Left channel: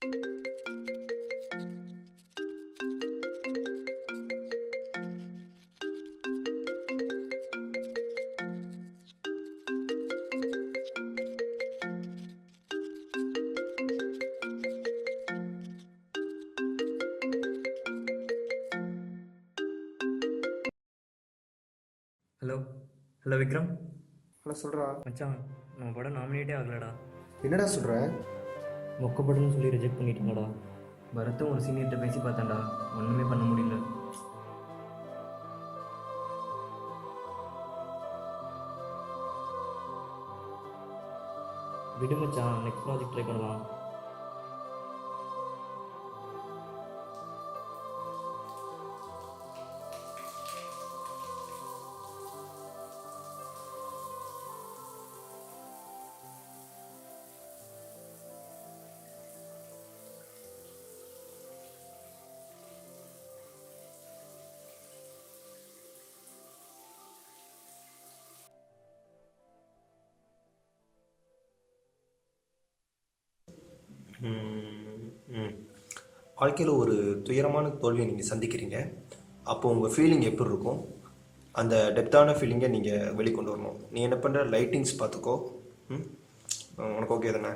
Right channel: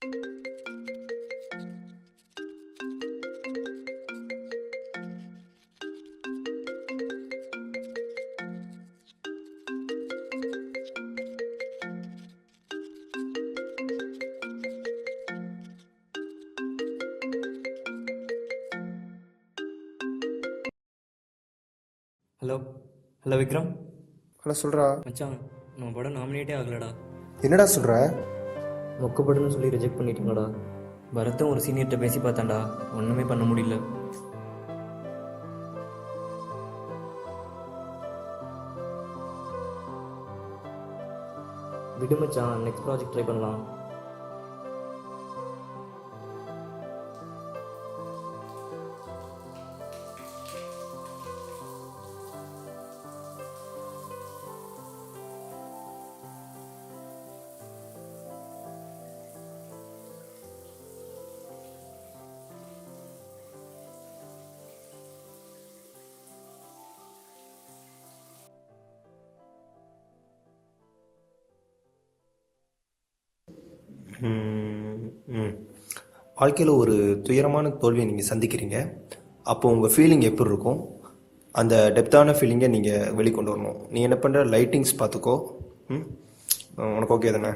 Hello hello Vikram. Hello சொல்கிறா. மச்சான், நம்ம படம் நாமினேட்டே ஆகலடா. என்னடா சொல்கிற? மொக்க படம்னு சொல்லி ரிஜெக்ட் பண்ணிட்டீங்களா? பரத்தும் ஒரு சீனியர்கிட்ட பேசி பார்த்தான்டா, ஒன்றுமே பண்ண முடியல. விடு மச்சான், நெக்ஸ்ட் ப்ராஜெக்ட் ட்ரை பண்ணலாம். வாழ்க்கையில் ஒரு துயரமான தோல்வியை நீங்கள் சந்திக்கிறீங்க. அப்போ உங்கள் ஃபீலிங் எப்படி இருக்கும்? அந்த டெப்த்தான ஃபீலிங்கை நீங்கள் வெளிக்கொண்டு வரணும். நீ என்ன பண்ணுற? லைட்டிங்ஸ் பார்த்துக்கோ. உனக்கு ஓகே தானே?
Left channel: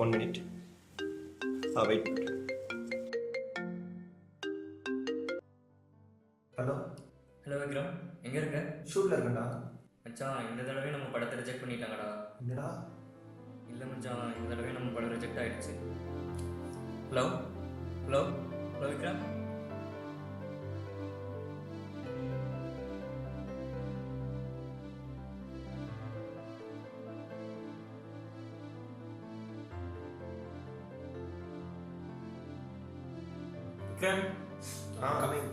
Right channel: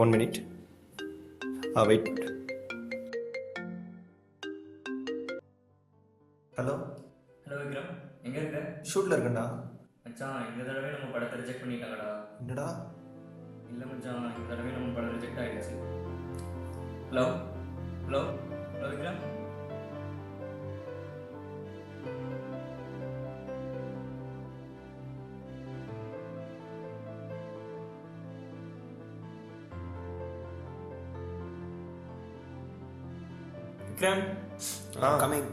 1 minute. Wait. Hello hello Vikram, எங்கே இருக்க? ஷூட்டில் இருக்கேன்டா. மச்சான், இந்த தடவை நம்ம படத்தை ரிஜெக்ட் பண்ணிட்டாங்கடா. என்னடா? இல்லை மச்சான், இந்த தடவை நம்ம படம் ரிஜெக்ட் ஆயிடுச்சு. Hello hello hello Vikram. Vikram. Coming.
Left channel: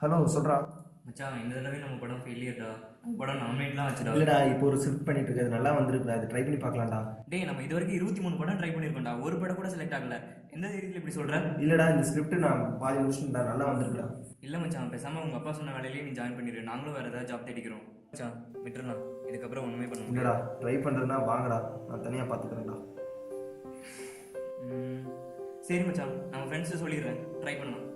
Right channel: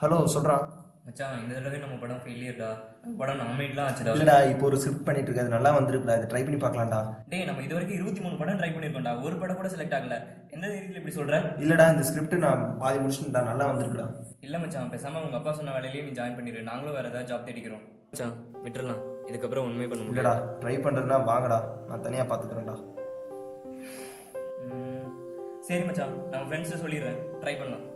Hello சொல்கிறா. மச்சான், இந்த தடவை நம்ம படம் ஃபெயிலியர்டா. படம் நாமினேட்லாம் ஆச்சுடா. இல்லைடா, இப்போ ஒரு ஸ்கிரிப்ட் பண்ணிட்டு இருக்கு, அது நல்லா வந்திருக்குடா. இது ட்ரை பண்ணி பார்க்கலாம்டா. டேய், நம்ம இது வரைக்கும் 23 படம் ட்ரை பண்ணியிருக்கோம்டா, ஒரு படம் கூட செலக்ட் ஆகல. எந்த தைரியத்தில் இப்படி சொல்ற? இல்லைடா, இந்த ஸ்கிரிப்ட் நான் பாதி முடிச்சுட்டா, நல்லா வந்திருக்குடா. இல்லை மச்சான், பேசாம உங்க அப்பா சொன்ன வேலையிலேயே நீ ஜாயின் பண்ணிடு. நாங்களும் வேற ஏதாவது ஜாப் தேடிக்கிறோம். மச்சான், விட்டுறலாம். இதுக்கப்புறம் ஒன்றுமே பண்ண இல்லைடா, முடியலடா. ட்ரை பண்ணுறதுனா வாங்கடா, நான் தனியாக பார்த்துக்கிறேன்டா. சரி மச்சான், நம்ம ஃப்ரெண்ட்ஸை சொல்லிடுறேன், ட்ரை பண்ணலாம்.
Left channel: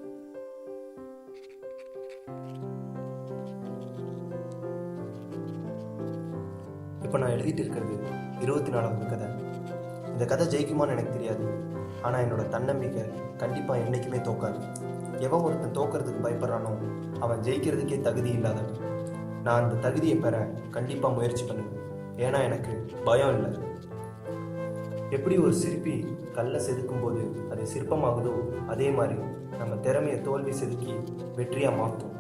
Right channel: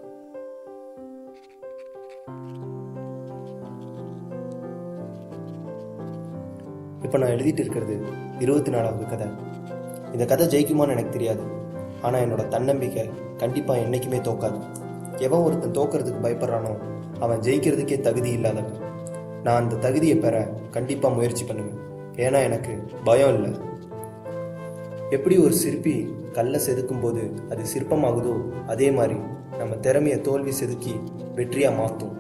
இப்போ நான் எழுதிட்டு இருக்கிறது 24வது கதை. இந்த கதை ஜெயிக்குமான்னு எனக்கு தெரியாது, ஆனால் என்னோட தன்னம்பிக்கை கண்டிப்பாக என்றைக்குமே தோக்காது. எவன் ஒருத்தன் தோக்கிறதுக்கு பயப்படுறானோ அவன் ஜெயிக்கிறதுக்கே தகுதி இல்லாதவன். நான் அந்த தகுதியை பெற கண்டிப்பாக முயற்சி பண்ணுவேன். ஏன்னா எனக்கு பயம் இல்லை. எப்படி ஒரு சிற்பி கல்லை செதுக்கும் போது அது சிற்பமாகுதோ, அதே மாதிரி நம்ம திறமையை தோல்வி செதுக்கி வெற்றியாக மாற்றும்.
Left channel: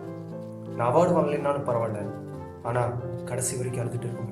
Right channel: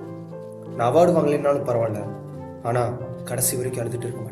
நான் அவார்டு வாங்கலைன்னாலும் பரவாயில்ல, ஆனால் கடைசி வரைக்கும் அழுதுட்டு இருக்க மாட்டேன்.